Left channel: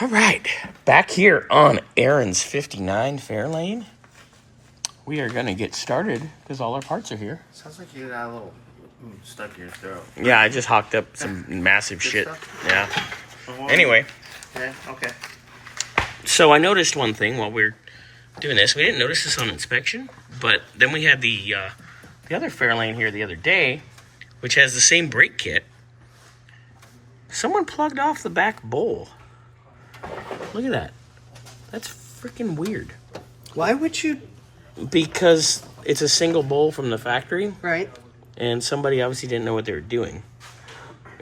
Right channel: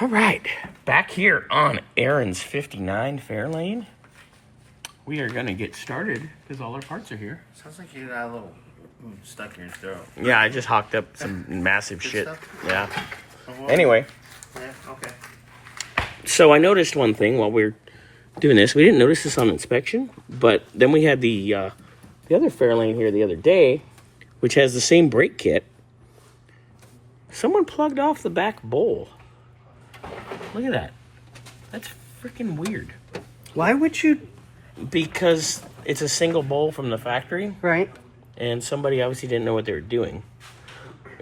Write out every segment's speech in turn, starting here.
All right, back here on Aaron's 59 Fairlane. We are going to get started because all our parts are here. Sounds like you got a little stuck in your throat. Yeah, I just hawked up some massive shit. Stuff? Yeah. Oh, Anyway, yeah, okay. so I noticed one thing while we are doing this. We didn't notice this on inspection, but then we had the other Fairlane here the other day, which has the same brake kit. Someone plugged off the back bowl. Look at that. That's freaking weird. Why would you? Because it's a single bowl from the factory. Right. And somebody obviously didn't know what they were doing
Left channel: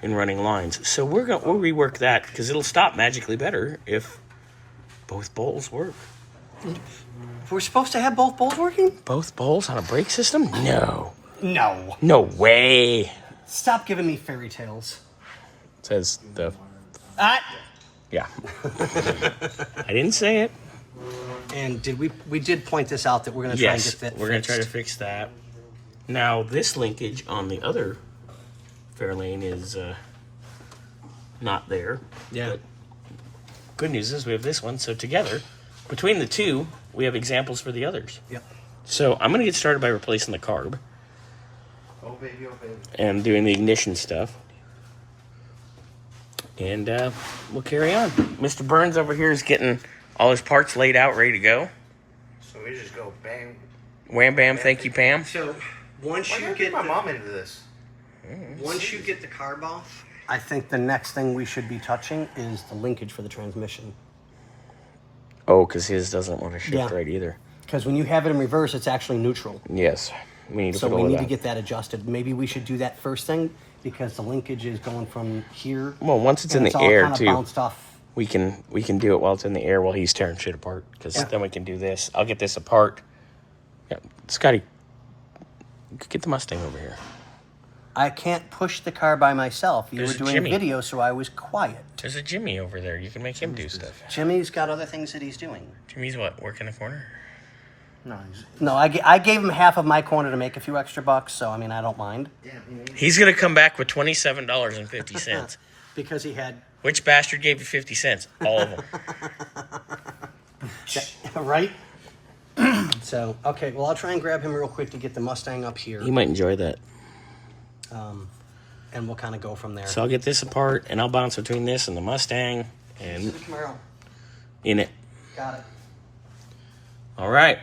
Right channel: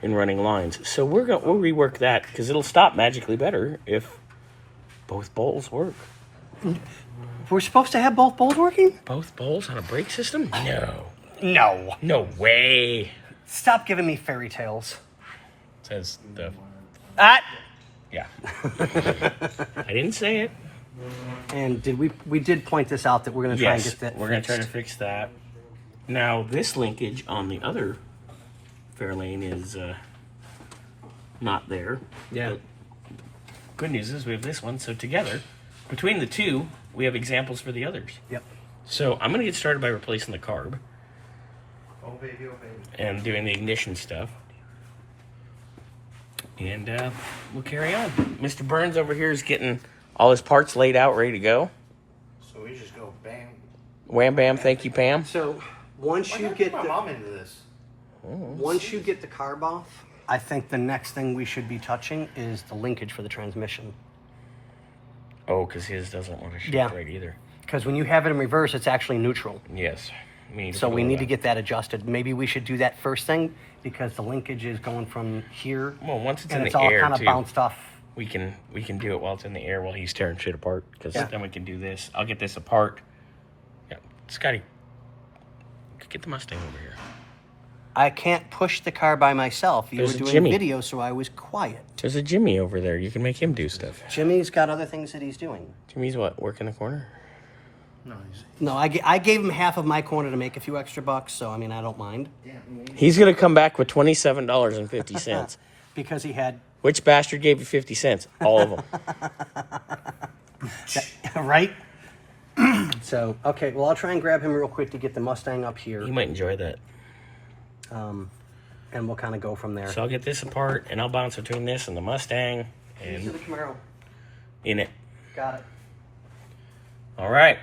in running lines. So we'll rework that because it'll stop magically better if both bowls work. We're supposed to have both bowls working? Both bowls on a brake system? No. No. No way. Stop giving me fairy tales. Says the... Ah! Yeah. I didn't say it. And did we did point this out that we're going to try and Yes, get that we're going to try to fixed. fix that. Now, this linkage on the other Fairlane is not there. Yeah. But good news is we have this one. So together, between the two, we have examples for the others. Yep. So I'm going to get started by replacing the carb. Oh, baby, oh, baby. And doing the ignition stuff. And we'll carry on. Mr. Burns over here is getting all his parts laid out, ready to go. So we just go bang. Wham bam, thank you, Pam. So once Why you gotta get get my mom into this? once you get the carb off, I think the next thing we should be touching is the linkage for the transmission. Oh, because his doesn't want to shift Yeah. right either. Because when you have it in reverse, it's actually neutral. Yes. We need to So we follow need that. to get that adjusted. Maybe we should do that first thing because the linkage is going from here. Well, once it's and in it's the all air, kind of too. bounced off. We can do it while it's in the air while he's tearing shit apart. Because then we can do this. I'll get this apart. Yeah, Scotty, get the Mustang over here. I can't push the car by myself. You There's were a doing Jimmy. video, so I was quiet. There's a Jimmy over there. You can make him do stuff. Jimmy's got other things that he's doing. Jimmy's what? Work in the corner? No, he's... No, I gave him half of my corner to make a few extra bucks, so I mean, I don't mind. Damn, He's going to come back with $27.50. Because he had... Which bastard gave you 50 cents? All of them. Right? So, okay, well, I'll try and grab him real quick to get the Mustang up here. He might enjoy that. And we'll kind of go from there. So I'll get this apart, and I'll bounce between this and the Mustang and Camaro. in it. Got it. All right.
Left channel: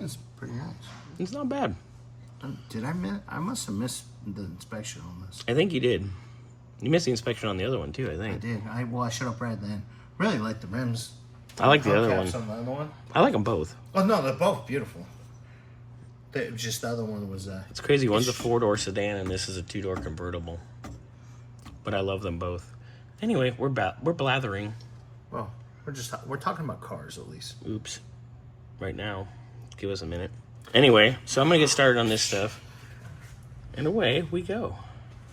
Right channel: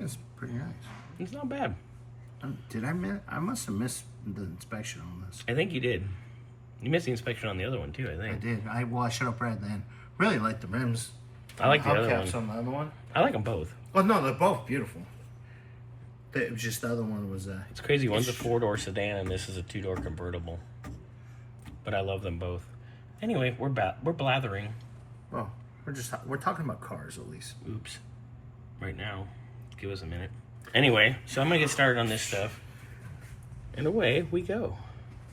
It's pretty nice. It's not bad. Did I miss? I must have missed the inspection on this. I think you did. You missed the inspection on the other one, too, I I think. did. I should have read then. Really like the rims. I like the other Hubcaps one. on the other one. I like them both. Oh no, they're both beautiful. Just the other one was. It's crazy. One's a four-door sedan, and this is a two-door convertible. But I love them both. Anyway, we're blathering. Well, we're talking about cars at least. Oops. Right now. Give us a minute. Anyway, so I'm going to get started on this stuff. And away we go.